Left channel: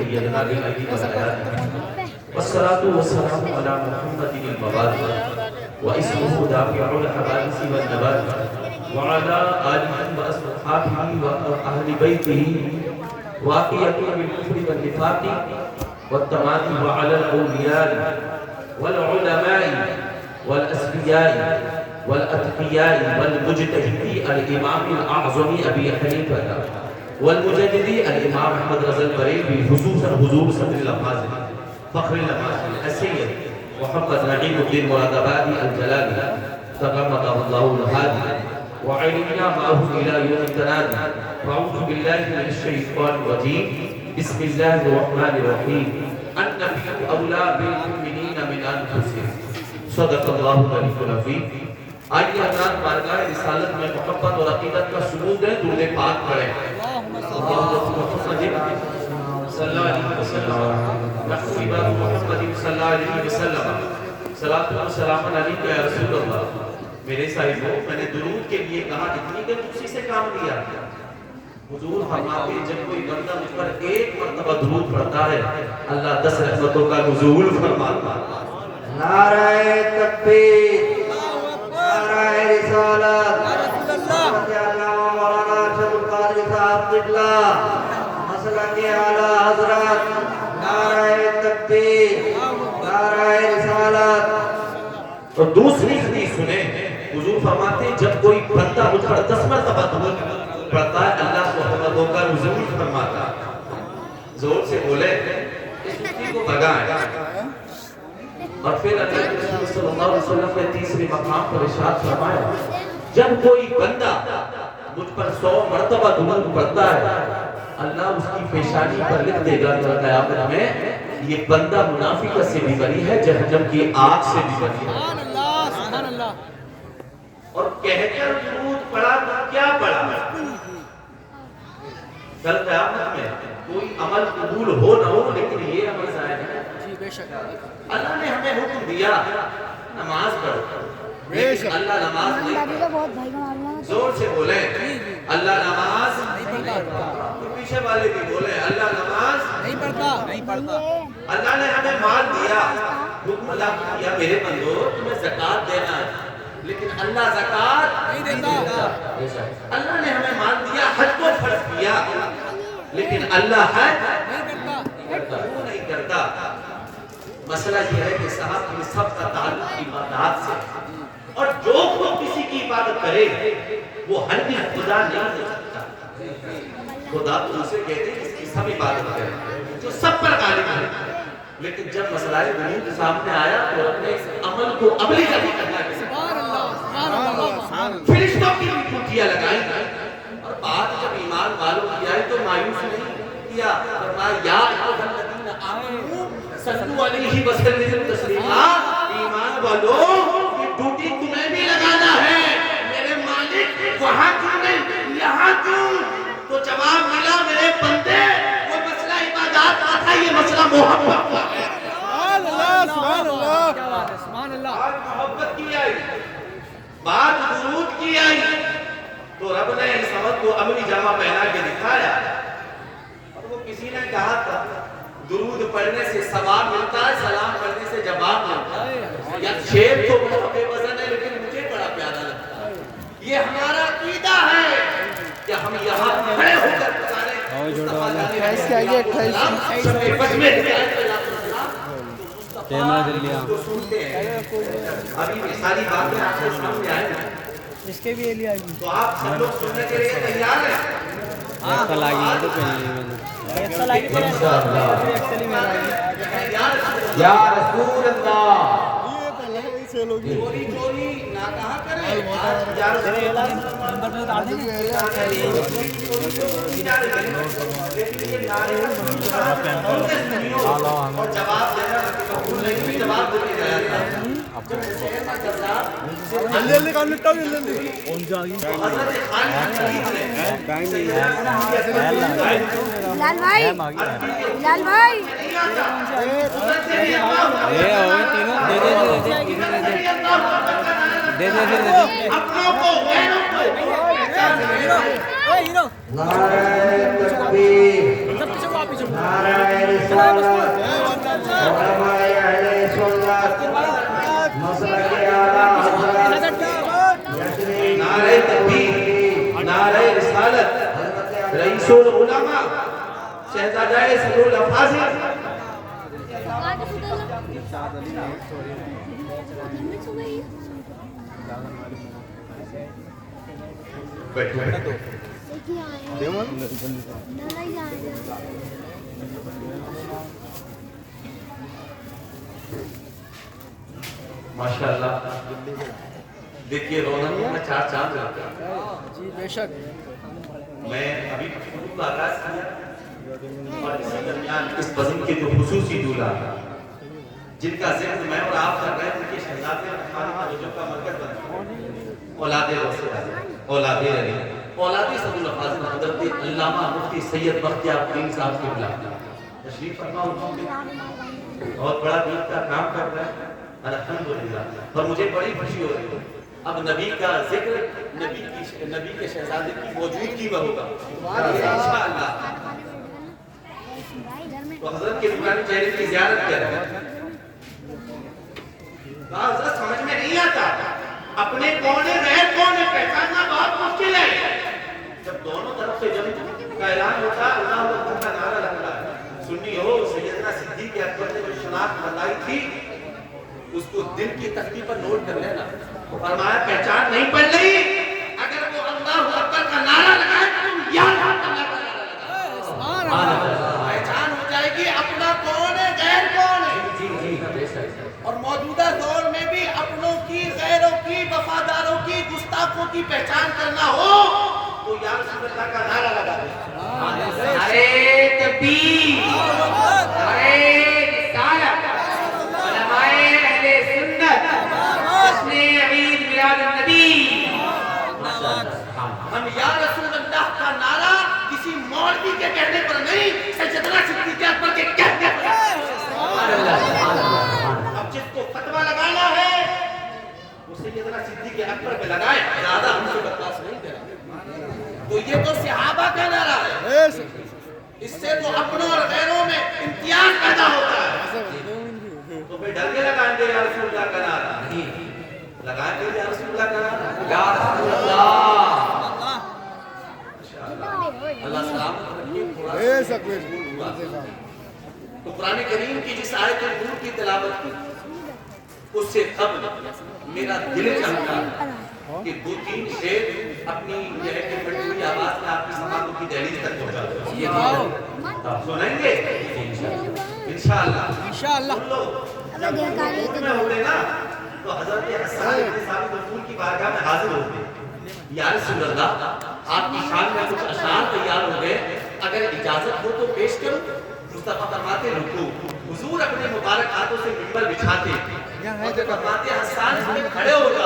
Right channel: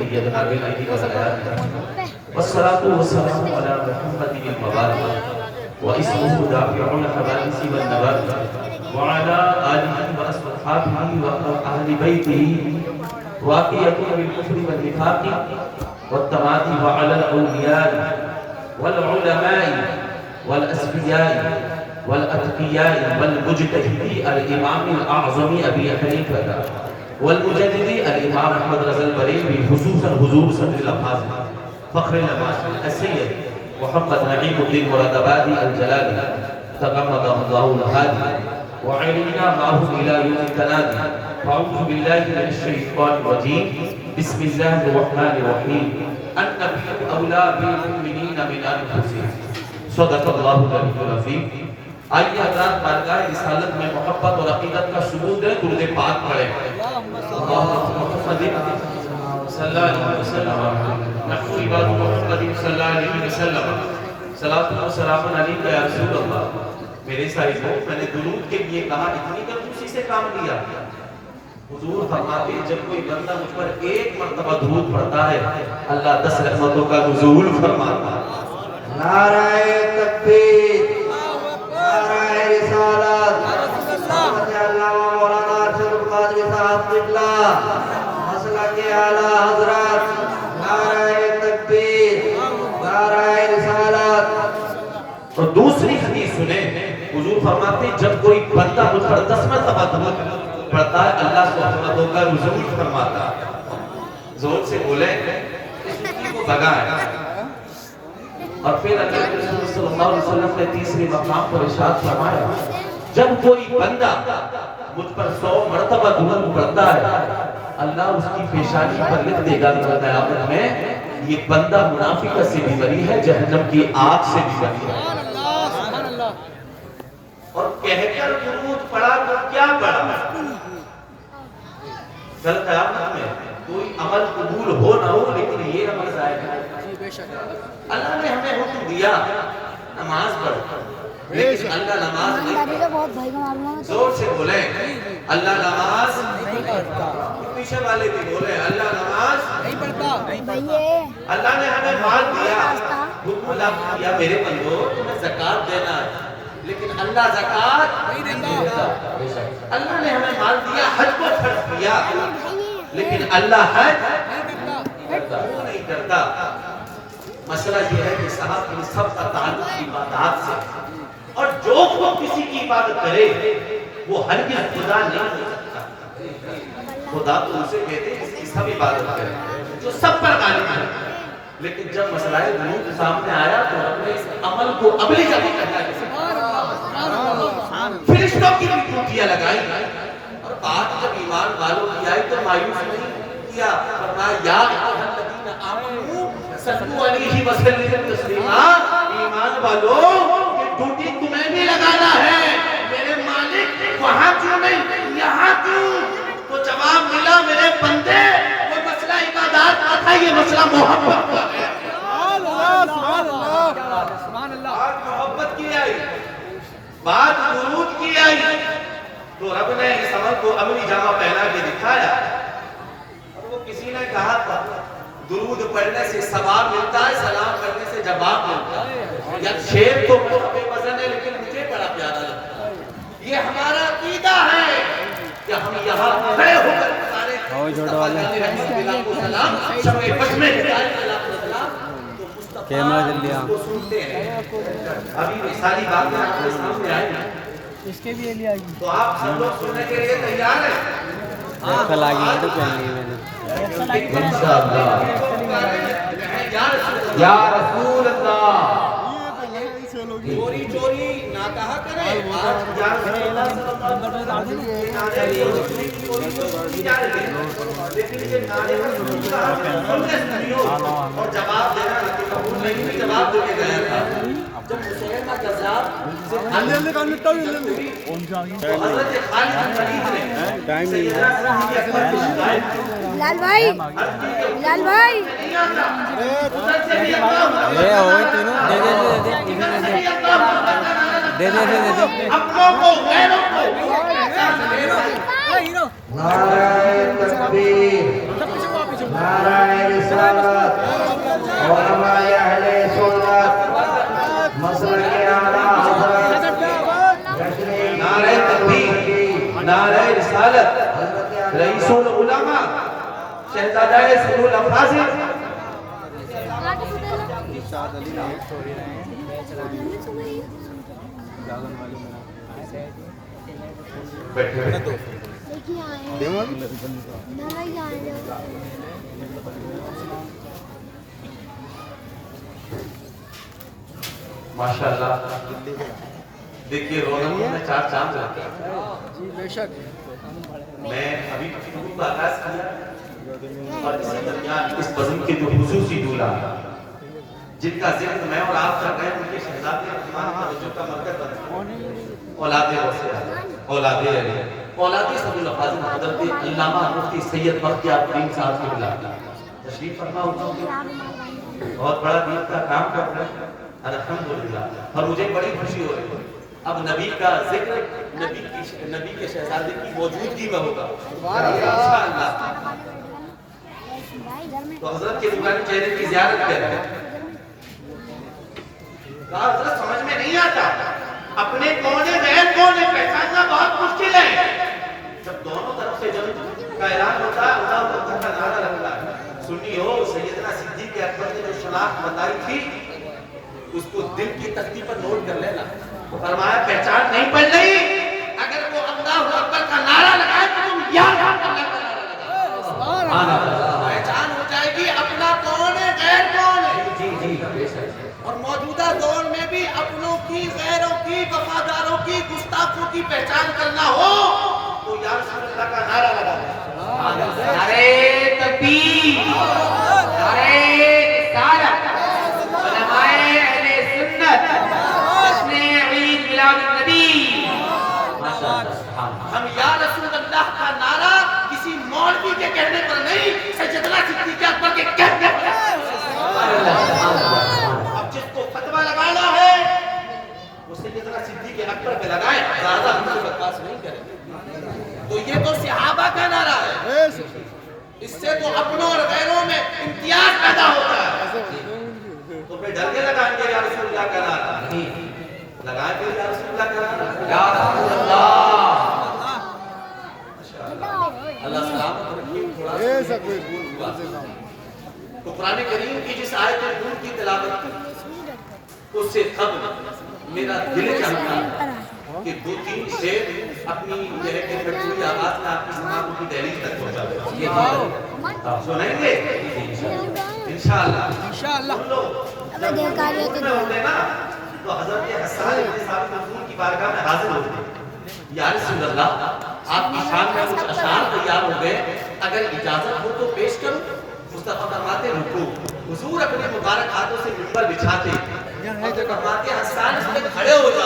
أيدنا بالأيدي والآيات والصلاة والسلام على محمد المبارك واسمه دافع الحوادث والنبات وعلى آله وأصحابه وأهل بيته واقية بالكفر والنفاق والتمادي وعلى الأولياء والعلماء والأسفياء والأتقياء والمجتهدي الإمام الأعظم أبي حنيفة والمجددي الإمام أحمد رضا البريلوي خصوصا حضور صدر الأفاضل فخر الأماشي السيد محمد نعيم الدين مرادآبادی الجلالی تغمده الله الهادي وعلينا معهم إلى يوم التنادي فأعوذ بالله من الشيطان الرجيم بسم الله الرحمن الرحيم النبي أولى بالمؤمنين من أنفسهم صدق الله العلي العظيم آئیے حضرات بارگاہ رسالت میں محبت اور عقیدت کا ثبوت ہے درود پاک پڑھیں صلی اللہ علیہ وسلم محفوظ باب محمد صلی اللہ علیہ وسلم صلاۃ و سلام علیکہ یا رسول اللہ میرے صاحبوں میں نے درود کے لیے کہا اتنی کہ اسی سے کام لیا حضور فرماتے ہیں جب کوئی بندہ مجھ پر ایک مرتبہ درود پڑھتا ہے اللہ 10 رحمتوں کا نزول فرماتا ہے نعرہ تکبیر نعرہ رسالت مولانا ارشد القادری صاحب قبلہ مسئلہ کے اعلیٰ حضرات نعرہ تکبیر نعرہ رسالت اور دوسری حدیث سنیں حضور فرماتے ہیں جب کوئی بندہ مجھ پر 10 مرتبہ درود پڑھتا ہے اللہ کو رحمتوں کا نزول فرماتا ہے زور سے بولیں اس سستی کو بھگائیں اور پھر اللہ رسول صلی اللہ علیہ وسلم نے تیسری مقام پر ارشاد فرمایا جب کوئی بندہ مجھ پر 100 مرتبہ درود پڑھتا ہے اللہ اس کی پیشانی پر لکھ دے گا قیامت میں یہ بندہ منافقت سے بھی بری ہے جہنم کی آگ سے بھی بری ہے اور کہہ کر درود پڑھا تو کیا پڑھا کل قیامت میں کوئی عمل قبول ہو نہ ہو لیکن یہ عمل ظاہر ہے اللہ نے ہمیں حکم دیا نماز پڑھو لیکن اللہ نماز نہیں پڑھا زور سے بولیں اللہ نماز پیچھے والے بھی بولیں اللہ نماز نہیں پڑھتا اللہ نے ہمیں مال دیا حکم لاگو کیا میرے بندو تمہیں زکوٰۃ دینا ہے، لیکن اللہ زکوٰۃ نہیں دیتا۔ اللہ نے ہمیں مال دیا، حج کو فرض کیا، لیکن اللہ حج کیوں نہیں کرتا؟ مسئلہ یہ ہے کہ صاحب ان سب کا تعلق عبادات سے، اور جو خود کسی کی عبادت کرے وہ ہرگز خدا نہیں ہو سکتا۔ خدا تو اسے کہتے ہیں جس کی سب عبادت کرے، جو سب پر غالب ہے۔ لیکن جب مسئلہ ذنوب سامنے آیا تو اپنے اس عمل کو عملی جگہ کرنا ہے، فرشتوں کی بھی ٹوٹیاں لگائی، اور بات جب ایمان والوں کی آئی تو مایوس نہیں کیا، فرمایا یا ایھا الذین آمنوا صلوا علیہ وسلموا تسلیما، ایمان والو یہ ڈیوٹی تمہیں بھی لگانا ہے، میرے مالک وہاں کیوں نہیں یہاں کیوں؟ تو جواب ملا میرے بندے وہ مسئلہ عبادات کا تھا، یہ مسئلہ محبت کا ہے۔ آج محبت کی آئی، بات درود کی آئی، تو رب نے اس عمل کو عملی جامہ پہنا کے دکھایا۔ اور وہ کسی نے کہا تھا درود پڑھنے سے ثواب ملتا ہے، سلام کرنے سے جواب ملتا ہے۔ یا شعر تو بہت بے وزن ہے لیکن مجھے بڑا پیارا لگتا ہے۔ یہ ہمارا عقیدہ ہے کہ ہم یہاں کھڑے ہو کر سارے مصطفیٰ جانی رحمۃ اللہ کو سلام شب فجر میں ہدایت اللہ کو سلام تو مصطفیٰ کو سنتے ہیں۔ ابھی یہ ساری باتیں آپ کے سامنے آئی ہیں، اس کے بھی لیے آئی تو آپ سب لوگ سننے کے لیے تیار ہیں؟ انشاءاللہ یا رسول اللہ چوری چوری نہ کہا کرے، آج یا رسول اللہ لیکن یہ نعرے اور جواب دینا قبول نہیں، جواب دے کے گیا تھا۔ جب حسین کا قذاب حضرت خالد بن ولید نے لال بھائی اپنوں کو غیروں کو نعرہ تکبیر، نعرہ رسالت، علماء اہل سنت، مسلک اعلیٰ حضرت، نعرہ تکبیر، نعرہ رسالت، رئیس العلماء، شہزادہ سرور الافاضل، ماشاءاللہ دیکھیے رونقوں میں چار چاند لگتے ہیں۔ جی بے شک میں ابھی خطبہ کا آغاز کیا اور اسی درمیان اس بزم کے جو خصوصی دولہ جن کا ذکر میں اور آپ کر رہے ہیں ان کے شہزادے رحمانی توجہ کا مرکز بن گئے، اولاد وسیع، اولاد علی، اولاد صدر الافاضل حضرت علامہ مفتی سید بختیار الدین صاحب کی بلا تشریف فرما ہوتا ہوں، بہت بڑا دین کا کام کر رہے ہیں الحمدللہ، اور مجھے بڑی خوشی ہو رہی ہے۔ اب نبی کا ذکر نبی کے شہزادے کی موجودگی میں ہوگا انشاءاللہ۔ تو حضرت کے نورانی چہرے کی زیارت کریں۔ کہا حضرت سمجھ میں نہیں آتا، اپنے کون ہے غیر کون ہے پہچاننا بہت مشکل ہے۔ جب دونوں طرف سے جب کا اعلان ہوتا ہے اللہ اکبر کا نعرہ لگتا ہے، سنی ہو سیدنا صدیق اکبر نے جو شناخت بتائی تھی اس کو دل کی تختی پر نوٹ کر لینا۔ فرمایا پہچان نہیں پڑ رہی، اگر وہ اللہ اکبر کا نعرہ لگائے تو تم یاد اللہ کا نعرہ لگاؤ، پہچان ہو جائے گی اپنا کون ہے غیر کون ہے۔ اور موجودہ دور میں بھی اپنوں کی غیروں کی وفاداروں کی گستاخوں کی پہچان کرنا ہو تو یا رسول اللہ کا نعرہ لگا دیں۔ نعرہ تکبیر، نعرہ رسالت، علماء اہل سنت، جشن عید میلاد النبی۔ ہم یا رسول اللہ کا نعرہ کسی مولوی کے کہنے پر نہیں، سیدنا صدیق اکبر کے کہنے پر۔ اب جس کو فتویٰ لگانا ہے وہ سیدنا صدیق اکبر پہ لگائے، زیادہ ہم سے بکواس نہیں کریں۔ تو یہ تو صحابہ کا نعرہ ہے، اس سے تو اپنوں اور غیروں میں امتیاز پیدا ہوتا ہے۔ تو تمہیں ڈر کے لگائیں گے یا رسول اللہ کا نعرہ؟ نہیں، لگائیں گے یا رسول اللہ کا نعرہ؟ یا رسول اللہ۔ اللہ سلامت رکھیے، تھوڑا سا بھول ہوا۔ تو قرآن کریم کی جس آیت نور کی تلاوت کی اس سے قبل میرا دل چاہتا ہے کہ 2-3 شعر اپنی یہ ہے کہ پھٹی ہوئی آواز میں آپ کی سماعتوں کی دہلیز تک پہنچا دیں۔ آپ سنیں گے انشاءاللہ؟ سن لو۔ جب حضور میں ہوتے نا تو حضرت حسان ابن ثابت رسول کی بارگاہ میں حاضر ہوتے، یا رسول اللہ آپ کی شان میں کچھ اشعار تیار ہو گئے، اگر اجازت ہو تو پیش کروں؟ مصطفیٰ فرماتے رکو، حضور اپنے مبارک ہاتھوں سے منبر بچھاتے، فرماتے حسان اس میں کھڑے ہو جاؤ۔